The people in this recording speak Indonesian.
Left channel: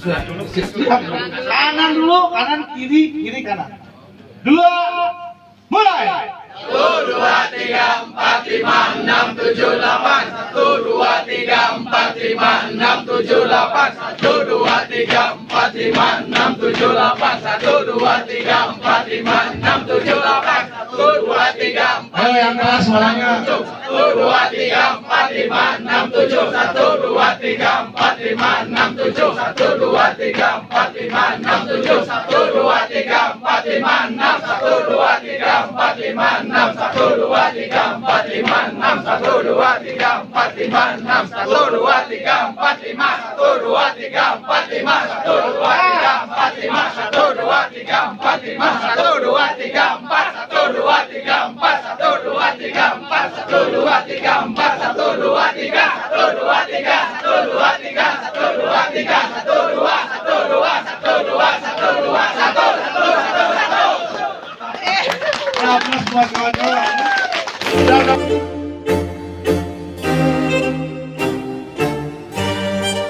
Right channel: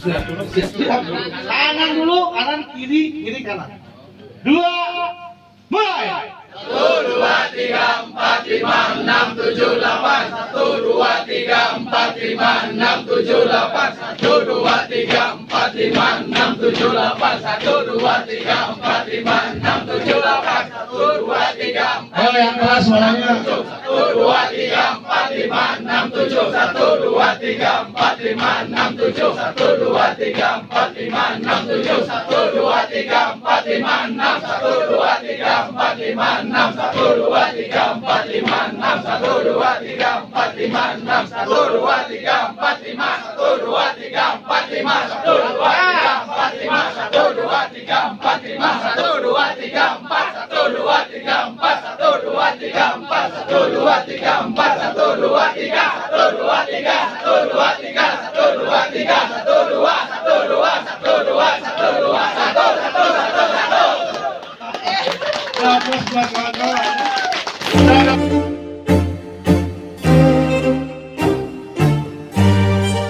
Siap. Kanan dulu, kanan kiri, kiri kanan. 2, mulai. 1, 2, 3, 4, 5, 6, 7, 8. 1, 2, 3, 4, 5, 6, 7, 8. 1, 2, 3, 4, 5, 6, 7, 8. 1, 2, 3, 4, 5, 6, 7, 8. 1, 2, 3, 4, Ayo yang keras suaranya. 1, 2, 3, 4, 5, 6, 7. 1, 2, 3, 4, 5, 6, 7. 1, 2, 3, 4, 5, 6, 7. 1, 2, 3, 4, 5, 6. 1, 2, 3, 4, 5, 6. 1, 2, 3, 4, 5, 6. 1, 2, 3, 4, 5, 6. 1, 2, 3, 4, 5. 1, 2, 3, 4, 5. 1, 2, 3, 4, 5. 1, 2, 3, 4, 5. 1, 2, 3, 4. 1, 2, 3, 4. 1, 2, 3, 4. 1, 2, 3, 4. 1, 2, 3. 1, 2, 3. 1, 2, 3. 1, 2, 3. 1, 2, 3. 1,